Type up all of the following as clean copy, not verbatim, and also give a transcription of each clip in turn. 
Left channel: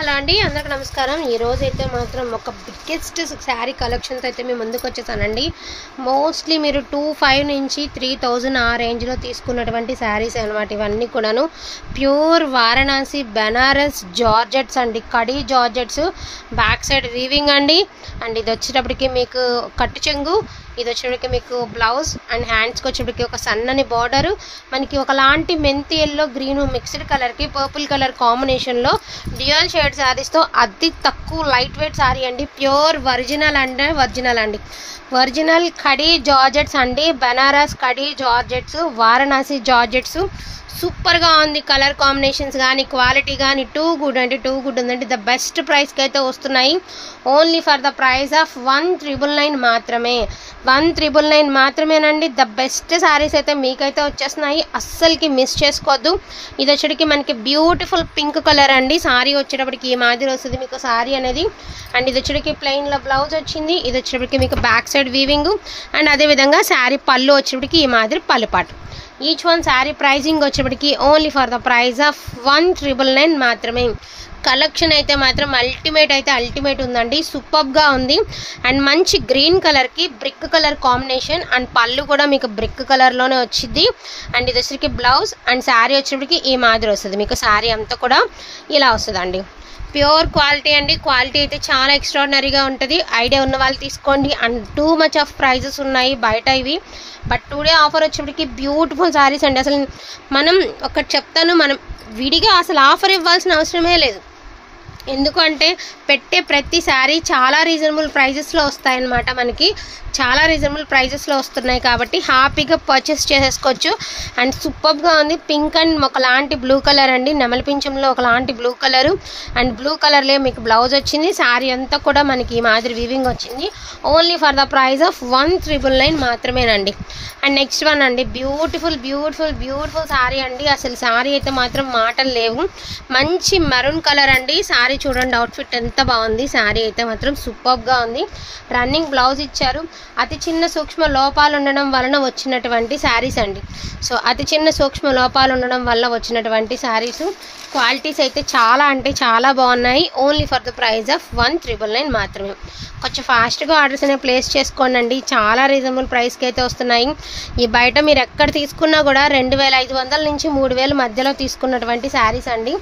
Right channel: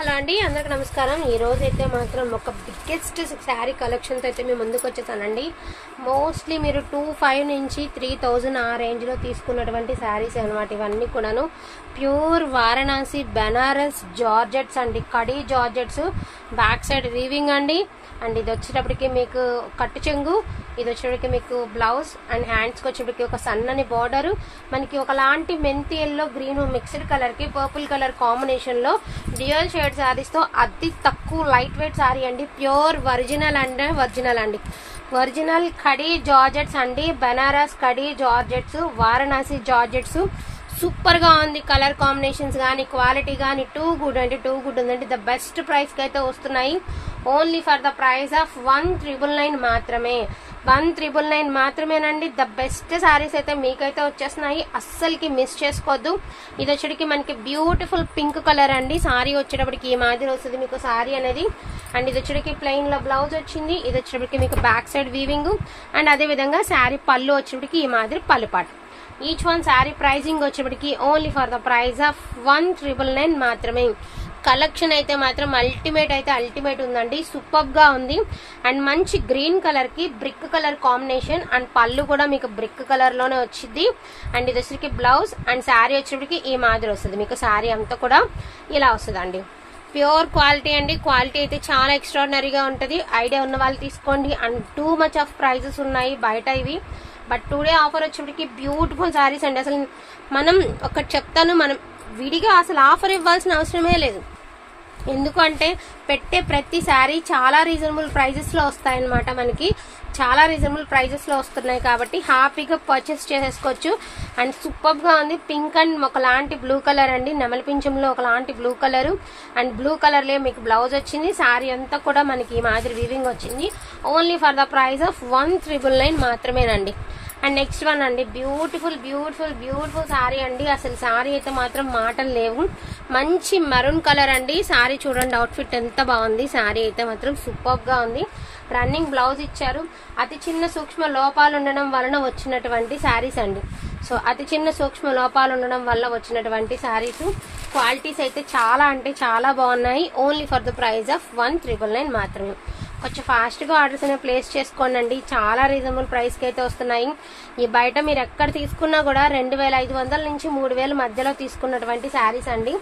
Hello అండి, అందరికీ నమస్కారం. ఈరోజు అయితే మాత్రం ఒక బిగ్గెస్ట్ శారీ కలెక్షన్తో అయితే మేము ముందుకు వచ్చేసానండి. మోస్ట్లీ మీరు 2500 నుంచి 3000 ఆ రేంజ్లో తీసుకున్నటువంటి శారీస్ అనమాట. ఇవన్నీ కూడాను ప్యూర్ వారణాసి బెనారస్ జార్జెట్స్ అండి. Khadi georgettes, back side weaving అండి. అండ్ ఇది వచ్చేటప్పటికి మీకు కట్టు చెంగు, ఇది వచ్చేటప్పటికి మీకు బ్లౌజ్ అండ్ హ్యాండ్స్కి వచ్చేటప్పటికి ఒక సన్నని బార్డరు, మనకి ఒకలాంటి మెంతి ఎల్లో గ్రీన్ మిక్స్డ్ కలర్కి పర్పుల్ కలర్ కాంబినేషన్లో డ్యూయల్ షేడ్ శారీస్తో అతి తక్కువ లైట్ వెయిట్ శారీ అండి. ప్యూర్ ఒరిజినల్ అండి. ఒరిజినల్ కడీ జార్జెట్స్ అండి. బెనారస్ కడీ జార్జెట్స్, వారణాసి జార్జెట్స్. సూపర్గా ఉంది. కలర్ కాంబినేషన్స్ కానీ క్వాలిటీ కానీ టూ గుడ్ ఉందండి. ద బెస్ట్ ప్రైస్కి అయితే వస్తున్నాయి. Only for the price of 1999 మాత్రమే. 1999 మాత్రమేనండి. ద బెస్ట్ శారీస్ అయితే మీకైతే వచ్చేస్తున్నాయి. అస్సలకి మిస్ చేసుకోవద్దు. ఇది వచ్చేటికి మనకి బ్యూటిఫుల్ పింక్ కలర్ అండి. శారీ వచ్చేటప్పటికి ఈ మాదిరి వస్తుంది మీకు శారీ అనేది. అండ్ ఇది వచ్చేటికి ప్లెయిన్లో బ్లౌజ్ వచ్చింది. ఇది వచ్చేటప్పటికి మీకు బ్యాక్ సైడ్ వీవింగ్ అండ్ అదేవిధంగా శారీ పళ్ళు వచ్చేటప్పటికి ఈ మాదిరి పళ్ళుపాటు. ఈచ్ వన్ శారీ ప్రైజింగ్ వచ్చేప్పటికి only for the price of 1999 మాత్రమే. కలెక్షన్ అయితే మాత్రం అల్టిమేట్ ఉందండి. సూపర్గా ఉంది. అండ్ మంచి గ్రీన్ కలర్కి బ్రిక్ కలర్ కాంబినేషన్ అండ్ పళ్ళు కూడా మీకు బ్రిక్ కలర్లోనే వచ్చింది. అండ్ ఇది వచ్చేసరికి బ్లౌజ్ అండ్ శారీ వచ్చేప్పటికి ఈ మాదిరి వస్తుంది. మీకు శారీ అంతా కూడా ఇలా వస్తుందండి. ప్యూర్ క్వాలిటీ అండి. క్వాలిటీ అయితే చాలా ఎక్స్ట్రాడినరీగా ఉంటుంది. ఐడియా ఉన్న వాళ్ళు తీసుకోండి. And too much of prices ఉన్నాయి బయట ఇవి. బట్ టుడే ఆఫర్ వచ్చేప్పటికి బ్యూటిఫుల్ శారీస్ అండి. అసలు మనం ఒకటి చెప్తాను, మనం విడిగా అసలు ఆఫర్ ఇవ్వాల్సిన అవసరమే లేదు. ఎందుకంటే పెట్టే ప్రతి శారీ చాలా రీజనబుల్ ప్రైజెస్లో వస్తాయన్నమాట. మనకి చాలా రీజనబుల్ ప్రైజెస్లో వస్తున్నాయి కాబట్టి హ్యాపీగా పర్చేస్ చేసేసుకోవచ్చు. అండ్ సూపర్గా ఉంది. పింక్ అండ్ ఒకలాంటి బ్లూ కలర్ అండి. నెమలి పింఛంలో ఒకలాంటి బ్లూ కలరు అండ్ బ్లూ కలర్లో మీకు బ్లౌజ్ వచ్చింది. శారీ అంతా కూడా మనకి ఈ మాదిరి వీవింగ్ వచ్చింది. Only for the price of 1999 మాత్రమేనండి. అండ్ నెక్స్ట్ వన్ అండి, బ్యూటిఫుల్ శారీ అండి. అసలు శారీ అయితే మాత్రం మాటలు లేవు. మంచి మెరూన్ కలర్ అండి. శారీ చూడండి, అవుట్ఫిట్ ఎంత బాగుంది. శారీ అయితే మాత్రం సూపర్గా ఉంది. రన్నింగ్ బ్లౌజ్ ఇచ్చారు. అతి చిన్న సూక్ష్మ లోపాలు ఉండడం వలన వచ్చినటువంటి శారీస్ అండి. సో అతి చిన్న సూక్ష్మ లోపాలు ఉండడం వల్ల వచ్చినటువంటి శారీస్. క్వాలిటీస్ అయితే చాలా అంటే చాలా బాగున్నాయి. Only for the price of 1999 మాత్రమే. కొంచెం ఫాస్ట్గా ఆర్డర్స్ అనేవి ప్లేస్ చేసుకోండి. చాలా రీజనబుల్ ప్రైస్కి అయితే వస్తున్నాయి. ఈ బయట మీరు ఎక్కడ తీసుకున్నా కూడా 2500 నుంచి 3000 మధ్యలో తీసుకున్నటువంటి శారీస్ అండి.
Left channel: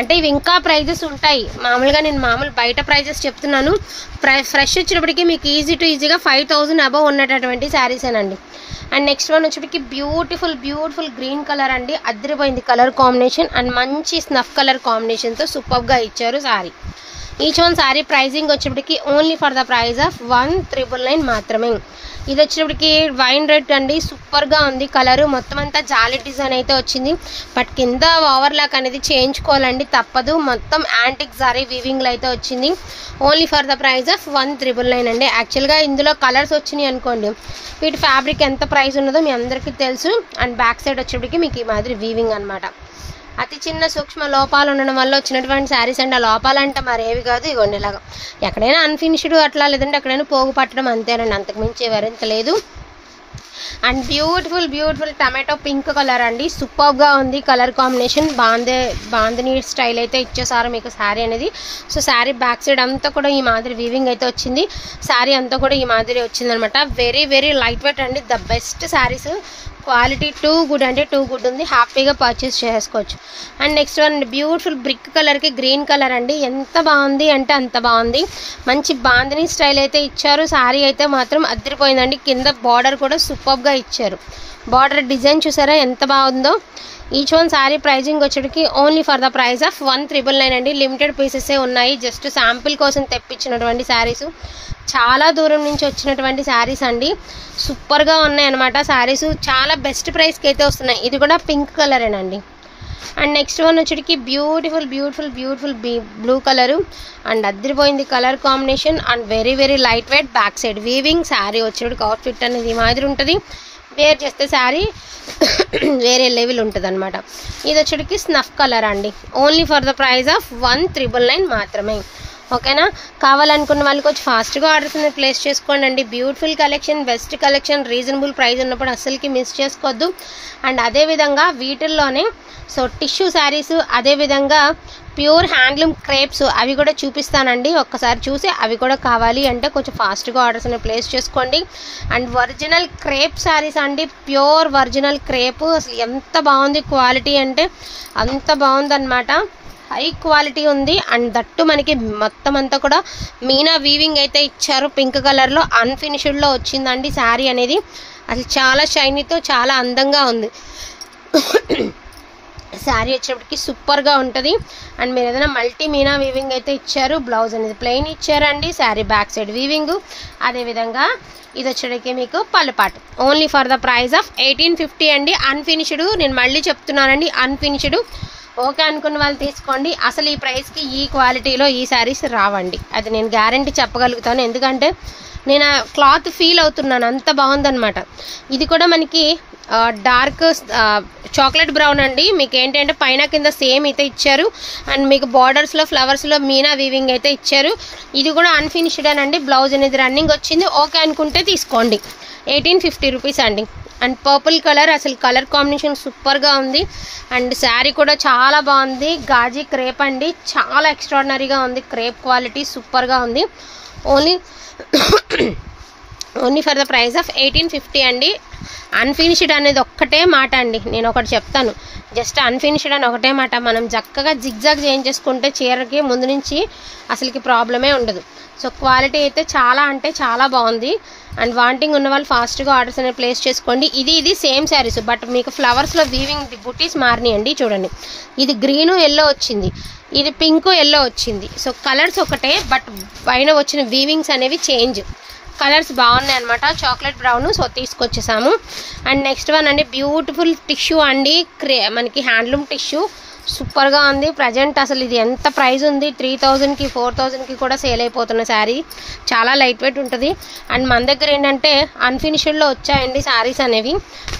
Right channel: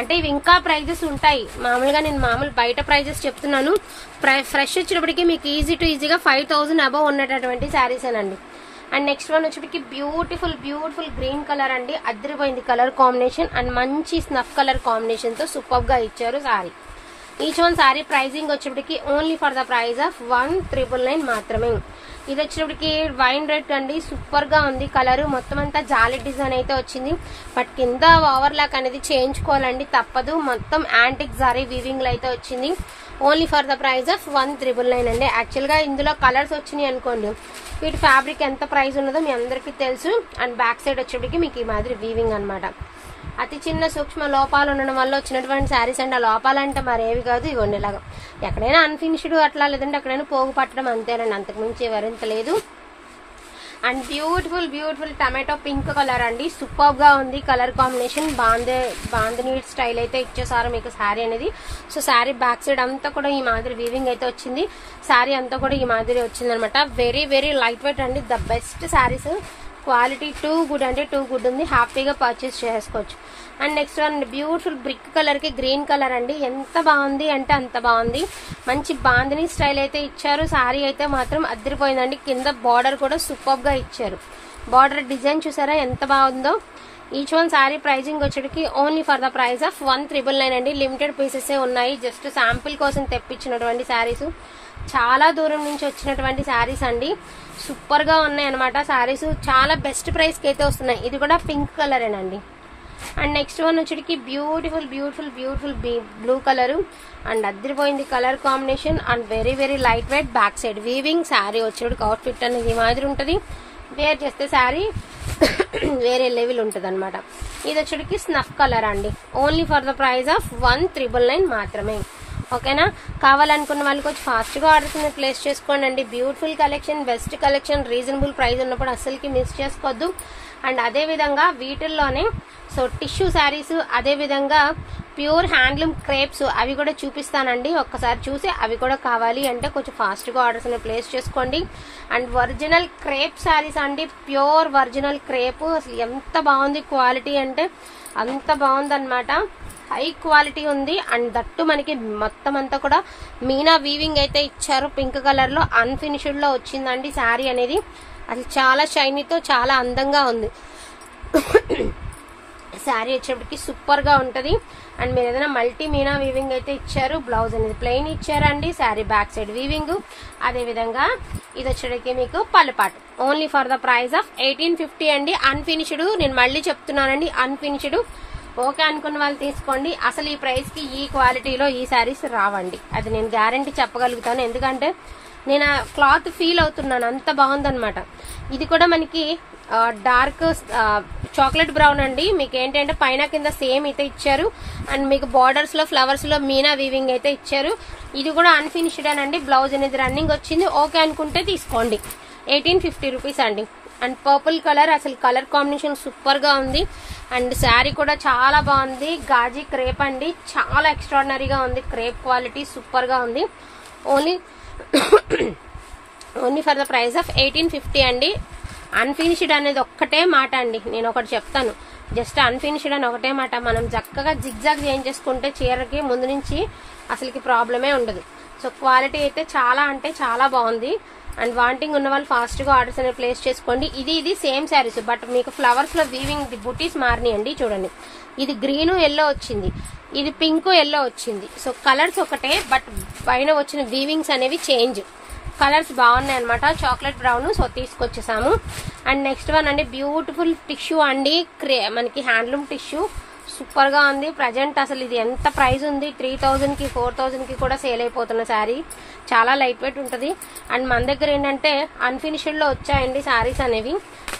అంటే ఇవి ఇంకా ప్రైజెస్ ఉంటాయి. మామూలుగా నేను బయట ప్రైజెస్ చెప్తున్నాను. ఫ్రెష్ వచ్చేటప్పటికి మీకు ఈజీగా 5000 అబవ్ ఉన్నటువంటి శారీసేనండి. అండ్ నెక్స్ట్ వన్ వచ్చేప్పటికి బ్యూటిఫుల్ గ్రీన్ కలర్ అండి. అదిరిపోయింది కలర్ కాంబినేషన్ అండ్ మంచి స్నఫ్ కలర్ కాంబినేషన్తో సూపర్గా ఇచ్చారు sari. Each one sari pricing వచ్చేప్పటికి only for the price of 1999 మాత్రమే. ఇది వచ్చేటప్పటికి వైన్ రెడ్ అండి. సూపర్గా ఉంది కలరు. మొత్తం అంతా జాలీ డిజైన్ అయితే వచ్చింది. బట్ కింద ఓవర్లాక్ అనేది చేయించుకోవాలండి, తప్పదు. మొత్తం యాంటిక్ జారీ వీవింగ్లో అయితే వచ్చింది. Only for the price of 1999 అండి. యాక్చువల్గా ఇందులో కలర్స్ వచ్చినాయి అనుకోండి, వీటి ఫ్యాబ్రిక్ ఎంత ప్రైస్ ఉన్నదో మీ అందరికీ తెలుసు. అండ్ బ్యాక్ సైడ్ వచ్చేప్పటికి మీకు ఈ మాదిరి వీవింగ్ అనమాట. అతి చిన్న సూక్ష్మ లోపాలు ఉండడం వల్ల వచ్చినటువంటి శారీస్ అండి. ఆ లోపాలంటే మరేవి కాదు, ఇగోండి ఇలాగా ఎక్కడైనా అన్ఫినిష్డ్ అట్లా, లేదంటే ఎక్కడైనా పోగు పట్టడం అంతేనండి, అంతకుమించి ఎవరింత లేదు. And beautiful tomato pink colour అండి. సూపర్గా ఉంది కలర్ కాంబినేషన్. బాందిని స్టైల్ అయితే ఇచ్చేసారు మీకు శారీ అనేది. సో శారీ బ్యాక్ సైడ్ అంతా కూడా ఈ మాదిరి వీవింగ్ అయితే వచ్చింది. శారీ అంతా కూడా ఈ మాదిరి వచ్చింది అనమాట. వెరీ లైట్ వెయిట్ అండి. The best saris. Quality too good ఉంది. హ్యాపీగా పర్చేస్ చేసుకోవచ్చు. And next one beautiful brick కలర్కి గ్రీన్ కలర్ అండి. ఎంత బాగుంది అంటే అంత బాగుంది. మంచి బాందిని స్టైల్ అయితే ఇచ్చారు. శారీ అయితే మాత్రం అదిరిపోయిందండి. కింద బార్డర్ కూడా సూపర్గా ఇచ్చారు. బార్డర్ డిజైన్ చూసారా ఎంత బాగుందో. ఈచ్ వన్ శారీ ప్రైజింగ్ వచ్చేటికి only for the price of 1999 అండి. లిమిటెడ్ పీసెసే ఉన్నాయి. జస్ట్ శాంపిల్ కోసం తెప్పించినటువంటి శారీస్. చాలా దూరం నుంచి వచ్చినటువంటి శారీస్ అండి. సూపర్గా ఉన్నాయి అనమాట శారీస్. చాలా బెస్ట్ ప్రైస్కి అయితే వస్తున్నాయి. ఇది కూడా పింక్ కలరేనండి. అండ్ నెక్స్ట్ వన్ వచ్చేటికి బ్యూటిఫుల్ బ్లూ కలరు అండ్ అదిరిపోయింది colour combination and very light weight. Back side weaving. Sari వచ్చేటికి అవుట్ఫిట్ అనేది మాదిరి ఉంటుంది. వేర్ చేస్తే శారీ వేరే లెవెల్ ఉంటుంది అనమాట. ఇది వచ్చేటికి స్నఫ్ కలర్ అండి. Only for the price of 1999 మాత్రమే. ఓకేనా. కావాలనుకున్న వాళ్ళకి వచ్చి ఫాస్ట్గా ఆర్డర్స్ అనేది ప్లేస్ చేసుకోండి అండి. Beautiful collection, best collection, reasonable price ఉన్నప్పుడు అస్సలకి మిస్ చేసుకోవద్దు. అండ్ అదేవిధంగా వీటిల్లోనే సో టిష్యూ శారీస్, అదేవిధంగా ప్యూర్ హ్యాండ్లూమ్ క్రేప్స్ అవి కూడా చూపిస్తానండి. ఒక్కసారి చూసి అవి కూడా కావాలి అంటే కొంచెం ఫాస్ట్గా ఆర్డర్స్ అనేది ప్లేస్ చేసుకోండి. అండ్ ఒరిజినల్ క్రేప్ శారీస్ అండి, ప్యూర్ ఒరిజినల్ క్రేప్. అసలు ఎంత బాగుంది క్వాలిటీ అంటే అంత బాగుందన్నమాట, హై క్వాలిటీ ఉంది. అండ్ దట్టు మనకి మొత్తం అంతా కూడా మీనా వీవింగ్ అయితే ఇచ్చారు. పింక్ కలర్లో అన్ఫినిష్డ్లో వచ్చిందండి శారీ అనేది. అసలు చాలా షైనీతో చాలా అందంగా ఉంది. శారీ వచ్చేటప్పటికి సూపర్గా ఉంటుంది. అండ్ మీరు ఏదైనా మల్టీ మీనా వీవింగ్ అయితే ఇచ్చారు. బ్లౌజ్ అనేది ప్లెయిన్ ఇచ్చారండి. Sari back side weaving. అదేవిధంగా ఇది వచ్చేటప్పటికి మీకు పళ్ళుపాటు. Only for the price of 1850 అండి. అన్ఫినిష్డ్, నేను మళ్ళీ చెప్తున్నానండి, అన్ఫినిష్డ్. ఓకే అనుకున్న వాళ్ళు తీసుకోండి. అసలు ఈ ప్రైస్కి ఈ క్వాలిటీలో ఈ శారీస్ రావండి, అది నేను గ్యారంటీ చెప్పగలుగుతాను. ఎందుకంటే నేను ఆ క్లాత్ ఫీల్ అవుతున్నాను, అంత బాగుందన్నమాట. ఇది కూడా మనకి డార్క్ చాక్లెట్ బ్రౌన్ అండి. మీకు ఏంటంటే పైన కింద సేమ్ అయితే ఇచ్చారు. అండ్ మీకు బార్డర్స్లో ఫ్లవర్స్లో మీనా వీవింగ్ అయితే ఇచ్చారు. ఇది కూడా అన్ఫినిష్డ్ అండి. బ్లౌజ్ అనేది రన్నింగ్ వచ్చింది. ఓకే అనుకుంటే తీసుకోండి. 1850 రూపీస్ అండి. అండ్ పర్పుల్ కలర్, అసలు కలర్ కాంబినేషన్ సూపర్గా ఉంది. అండ్ శారీ కూడా చాలా బాగుంది. గాజీ క్రేప్ అండి, చాలా ఎక్స్ట్రాడినరీగా ఉంది. క్రేప్ క్వాలిటీ సూపర్గా ఉంది. Only for the price of 1850 అండి. అన్ఫినిష్డ్ అనేది ఒక్కటే మాట అండి, నేను ఒకటి చెప్తాను, జస్ట్ అన్ఫినిష్డ్ అని ఒకటే మాట. మనం చక్కగా జిగ్జాగ్ చేయించేసుకుంటే చీరకి ముందు నుంచి అసలుకి ప్రాబ్లమే ఉండదు. సో క్వాలిటీ అయితే చాలా అంటే చాలా బాగుంది. అండ్ వాంటింగ్ ఉన్న వాళ్ళు ఫాస్ట్గా ఆర్డర్స్ అనేది ప్లేస్ చేసుకోండి. ఇది సేమ్ శారీస్, బట్ మీకు ఫ్లవర్స్లో వీవింగ్ బుటీస్ మారినాయండి. చూడండి, ఇది గ్రీను ఎల్లో వచ్చింది, ఇది పింక్ ఎల్లో వచ్చింది. సో కలర్స్ ఒకటే, బట్ పైన వచ్చిన వీవింగ్స్ అనేవి చేంజ్. కలర్స్ బాగున్నాయి అనమాట, చాక్లెట్ బ్రౌన్. సో తీసుకొచ్చేసాము. అండ్ నెక్స్ట్ వన్ అండి, బ్యూటిఫుల్ టిష్యూ అండి, మనకి హ్యాండ్లూమ్ టిష్యూ సూపర్గా ఉంది. ప్రజెంట్ అసలు ఇది ఎంత ప్రైస్ ఉంది, 3000కి 4000కి కూడా సేల్ అయిపోతున్న శారీ. చాలా లైట్ వెయిట్ ఉంటుంది. అండ్ మన దగ్గర ఏంటంటే అన్ఫినిష్డ్లో వచ్చాయండి శారీస్ అనేవి,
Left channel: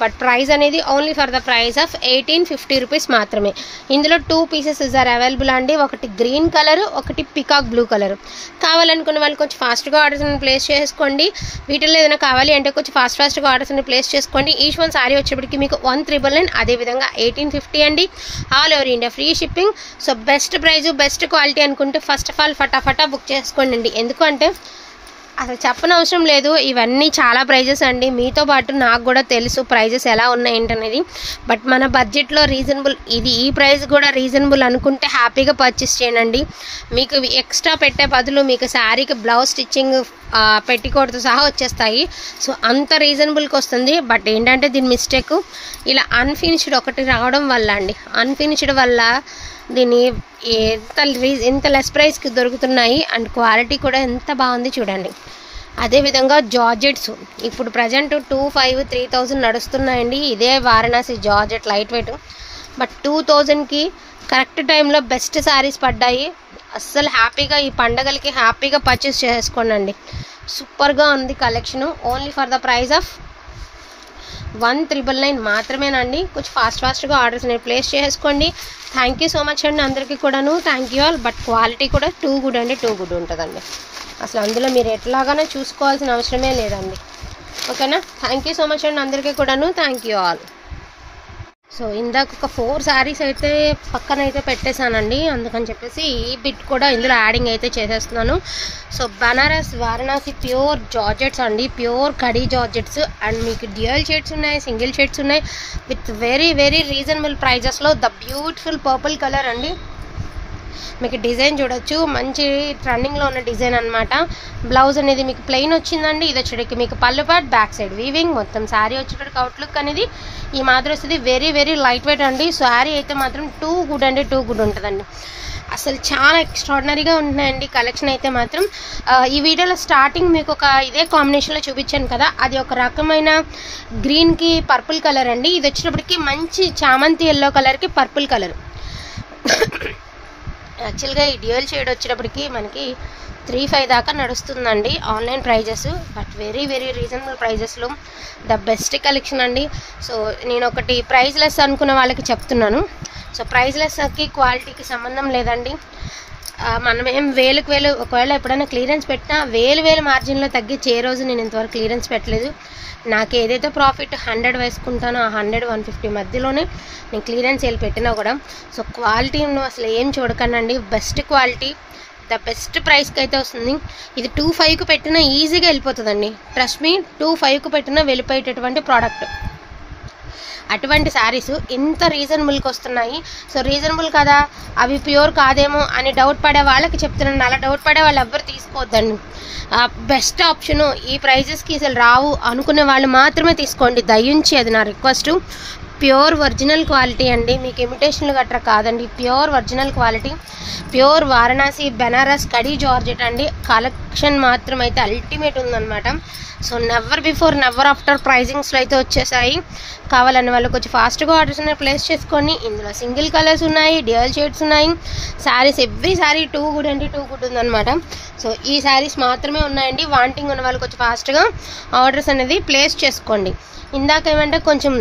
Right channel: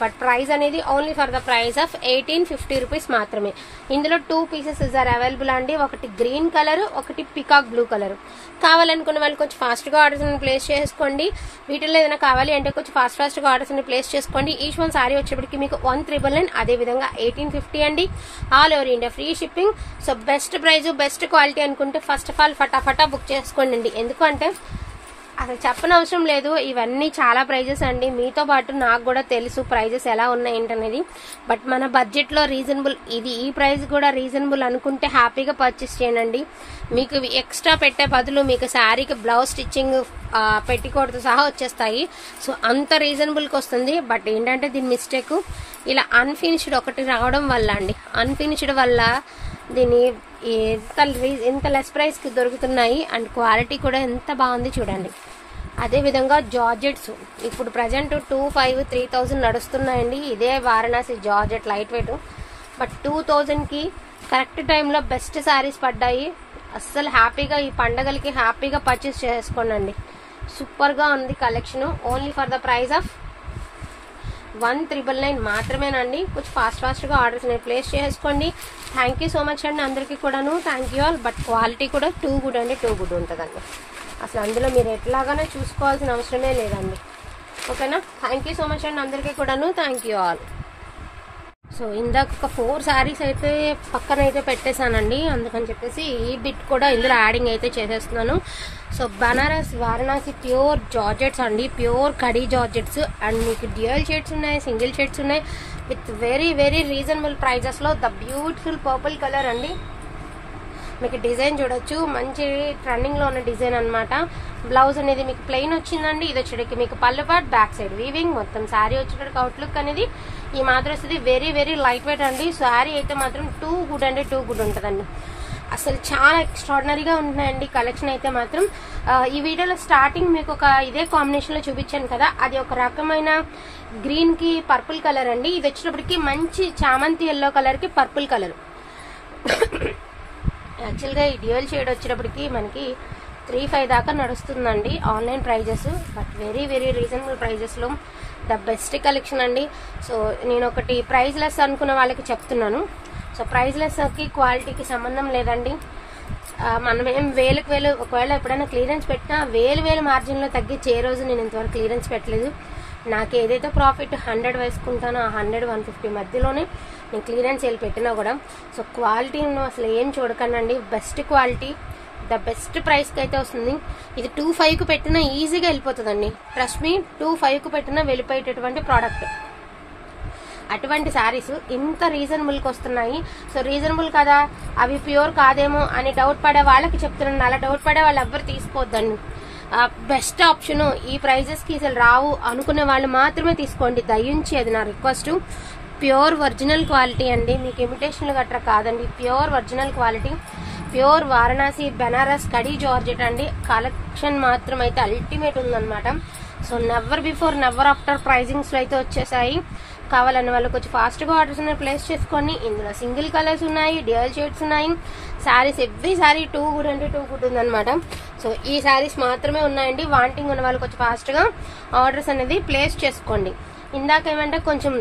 బట్ ప్రైస్ అనేది only for the price of 1850 rupees మాత్రమే. ఇందులో 2 పీసెస్ ఆర్ అవైలబుల్ అండి. ఒకటి గ్రీన్ కలర్, ఒకటి పికాక్ బ్లూ కలర్. కావాలనుకున్న వాళ్ళు కొంచెం ఫాస్ట్గా ఆర్డర్స్ ప్లేస్ చేసుకోండి. వీటిల్లో ఏదైనా కావాలి అంటే కొంచెం ఫాస్ట్గా ఆర్డర్స్ ప్లేస్ చేసుకోండి. ఈచ్ వన్ శారీ వచ్చేప్పటికి మీకు 1999, అదేవిధంగా 1850 అండి. All over India free shipping. So best price, best quality అనుకుంటే ఫస్ట్ ఆఫ్ ఆల్ ఫటాఫటా బుక్ చేసుకోండి. ఎందుకంటే అసలు చెప్పనవసరం లేదు, ఇవన్నీ చాలా ప్రైజెస్ అండి. మీతో పాటు నాకు కూడా తెలుసు ప్రైజెస్ ఎలా ఉన్నాయి ఏంటనేది. బట్ మన బడ్జెట్లో రీజనబుల్, ఈ ప్రైస్ కూడా రీజనబుల్ అనుకుంటే హ్యాపీగా పర్చేస్ చేయండి. మీకు ఎక్స్ట్రా పెట్టే బదులు మీకు శారీకి బ్లౌజ్ స్టిచ్చింగ్ పెట్టికోడ్తో సహా వచ్చేస్తాయి. సో అంత రీజనబుల్కి వస్తుంది. బట్ ఏంటంటే దీని మిస్టేక్ ఇలా అన్ఫినిష్డ్ ఒకటి రావడం వల్ల అండి, అన్ఫినిష్డ్ వల్ల దీన్ని ఎంత లెస్ ప్రైస్కి దొరుకుతున్నాయి. అండ్ క్వాలిటీ కూడా ఎంత బాగుంది చూడండి. అదేవిధంగా జార్జెట్స్ ఇప్పుడు ప్రజెంట్ 2500-3000 నడుస్తున్నాయండి. ఇదే Varanasi georgette light weight, but 2000కి కరెక్ట్ టైంలో బెస్ట్ శారీస్ పడ్డాయి. అస్సలు హ్యాపీగా ఈ పండగలకి హ్యాపీగా పర్చేస్ చేసుకోండి. సూపర్గా ఉంది collection. Only for the price of 1999 మాత్రమేనండి. కొంచెం ఫాస్ట్గా ఆర్డర్స్ అనేవి ప్లేస్ చేసుకోండి. థ్యాంక్ యూ సో మచ్ అండి అందరికీ కూడాను. Thank you all. But quality కూడా టూ గుడ్ అండి, టూ గుడ్ ఉంటుందండి. అసలు అందులో మీరు ఎట్లాగానే చూసుకోవాల్సిన అవసరమే లేదండి. ఓకేనా. థ్యాంక్ యూ సో మచ్ అండి అందరికీ కూడాను. Thank you all. సో ఇందాక ఒక 4 శారీస్ అయితే పక్కన అయితే పెట్టేశానండి, అందుకని చెప్పేసి ఈ బిట్ కూడా ఇందులో యాడింగ్ అయితే చేసేస్తున్నాను. So Banaras Varanasi pure georgettes అండి, ప్యూర్ కడీ జార్జెట్స్. అండ్ మీకు డ్యూయల్ షేడ్స్ ఉన్నాయి, సింగిల్ షేడ్స్ ఉన్నాయి, విత్ వెరీ వెరీ రీజనబుల్ ప్రైజెస్లో. ద బ్యూటిఫుల్ పర్పుల్ కలర్ అండి. మీకు డిజైన్ చూడొచ్చు, మంచి ట్రెండింగ్లో ఉన్న డిజైన్ అనమాట. బ్లౌజ్ అనేది మీకు ప్లెయిన్ వచ్చిందండి. ఇది వచ్చేటికి మీకు పళ్ళు పార్ట్, బ్యాక్ సైడ్ వీవింగ్, మొత్తం శారీ వచ్చేటికి అవుట్లుక్ అనేది ఈ మాదిరి వస్తుంది. వెరీ వెరీ లైట్ వెయిట్ అండి. శారీ అయితే మాత్రం టూ గుడ్ అండి, టూ గుడ్ ఉంటుందండి. అసలు చాలా ఎక్స్ట్రాడినరీగా ఉంటున్నాయండి కలెక్షన్ అయితే మాత్రం. ఈ వీడియోలో స్టార్టింగ్ మీకు ఒక ఇదే కాంబినేషన్లో చూపించాను కదా, అది ఒక రకమైన గ్రీన్కి పర్పుల్ కలర్ అండి. ఇది వచ్చేటప్పటికి మంచి చామంతి ఎల్లో కలర్కి పర్పుల్ కలర్. యాక్చువల్గా ఈ డ్యూయల్ షేడ్ వచ్చేటప్పటికి మనకి 3500 దాకా నడుస్తుందండి online prices. But very very reasonable ప్రైజెస్లో ద బెస్ట్ కలెక్షన్ అండి. సో నేను ఒకటి ప్రైజ్లెస్ అనుకున్న వాళ్ళకి చెప్తున్నాను. సో ప్రైజ్లెస్కి క్వాలిటీకి సంబంధం లేదండి. మనం ఏం వేలకు వేలు ఒకవేళ ఎప్పుడైనా క్లియరెన్స్ పెట్టినా వేలు మార్జిన్లో తగ్గించి ఏ రోజు నేను ఇంతవరకు క్లియరెన్స్ పెట్టలేదు. నాకు ఏదైతే ప్రాఫిట్ 100 వేసుకుంటానో ఆ 100-150 మధ్యలోనే నేను క్లియరెన్స్ సేల్ పెట్టినా కూడా. సో క్వాలిటీ అసలు ఏం చూడకండి, బెస్ట్ క్వాలిటీ ద బెస్ట్ ప్రైస్కి అయితే వస్తుంది. ఇది 2.5కు పెట్టినా ఈజీగా వెళ్ళిపోతుందండి. ట్రస్ట్ మీ, 2.5కు పెట్టినా వెళ్ళిపోయేటటువంటి ప్రోడక్ట్. అటువంటి శారీస్ ఇంత రీజనబుల్కి వస్తున్నాయి. సో రీజనబుల్ కదా, అవి ప్యూర్ కాదేమో అని డౌట్ పడే వాళ్ళకి చెప్తున్నాను. అలా డౌట్ పడే వాళ్ళు ఎవ్వరు తీసుకోవద్దండి. బెస్ట్ ఆప్షను ఈ ప్రైజెస్కి అసలు రావు అనుకునే వాళ్ళు మాత్రమే తీసుకోండి దయించి, అది నా రిక్వెస్ట్. ప్యూర్ ఒరిజినల్ క్వాలిటీ అండి, మీకు ఇమిటేషన్లు గట్రా కాదండి, pure original quality. Pure Varanasi Benaras kadi georgette అండి. కలెక్షన్ మాత్రం అయితే అల్టిమేట్ ఉందన్నమాట. So never before never after ప్రైజింగ్స్లో అయితే వచ్చేసాయి. కావాలన్న వాళ్ళు కొంచెం ఫాస్ట్గా ఆర్డర్స్ అనేవి ప్లేస్ చేసుకోండి. ఇందులో సింగిల్ కలర్స్ ఉన్నాయి, డ్యూయల్ షేడ్స్ ఉన్నాయి. Saris every sari too good అంటే టూ గుడ్ ఉందన్నమాట. సో ఈ శారీస్ మాత్రమే ఉన్నాయండి. వాంటింగ్ ఉన్న వాళ్ళు కొంచెం ఫాస్ట్గా ఆర్డర్స్ అనేది ప్లేస్ చేసుకోండి. ఇందాక ఏమంటే కొంచెం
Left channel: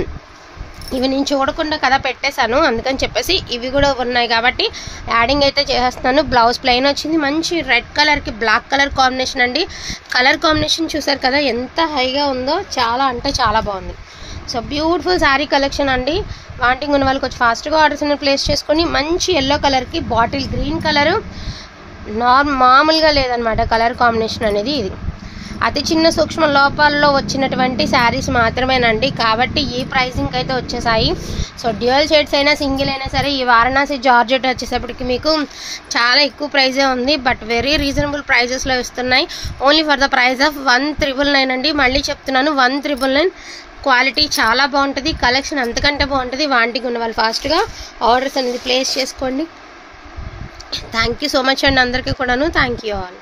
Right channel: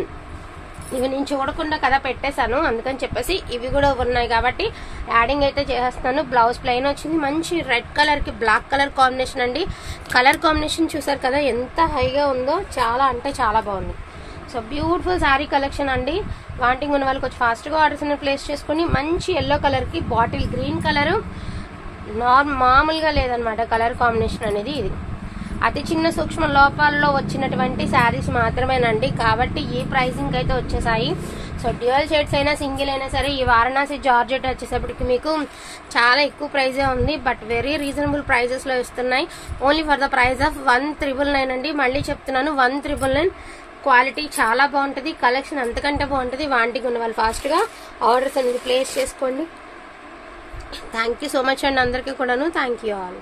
ఇవి నేను చూడకుండా కదా పెట్టేశాను, అందుకని చెప్పేసి ఇవి కూడా ఉన్నాయి కాబట్టి యాడింగ్ అయితే చేసేస్తున్నాను. బ్లౌజ్ ప్లెయిన్ వచ్చింది, మంచి రెడ్ కలర్కి బ్లాక్ కలర్ కాంబినేషన్ అండి. కలర్ కాంబినేషన్ చూసారు కదా ఎంత హైగా ఉందో, చాలా అంటే చాలా బాగుంది. సో బ్యూటిఫుల్ శారీ కలెక్షన్ అండి. వాంటింగ్ ఉన్న వాళ్ళు కొంచెం ఫాస్ట్గా ఆర్డర్స్ అనేది ప్లేస్ చేసుకొని, మంచి ఎల్లో కలర్కి బాటిల్ గ్రీన్ కలరు మామూలుగా లేదనమాట కలర్ కాంబినేషన్ అనేది. ఇది అతి చిన్న సూక్ష్మ లోపాల్లో వచ్చినటువంటి శారీస్ మాత్రమేనండి, కాబట్టి ఈ ప్రైసింగ్ అయితే వచ్చేసాయి. సో డ్యూయల్ షేడ్స్ అయినా సింగిల్ అయినా సరే ఈ వారణాసి జార్జెట్ వచ్చేసప్పటికి మీకు చాలా ఎక్కువ ప్రైజే ఉంది, బట్ వెరీ రీజనబుల్ ప్రైజెస్లో ఇస్తున్నాయి. Only for the price of 1,999 అండి. మళ్ళీ చెప్తున్నాను 1,999. క్వాలిటీ చాలా బాగుంటుంది, కలెక్షన్ అంతకంటే బాగుంటుంది. వాంటింగ్ ఉన్న వాళ్ళు ఫాస్ట్గా ఆర్డర్స్ అనేది ప్లేస్ చేసుకోండి. థ్యాంక్ యూ సో మచ్ అండి అందరికీ కూడాను. Thank you all.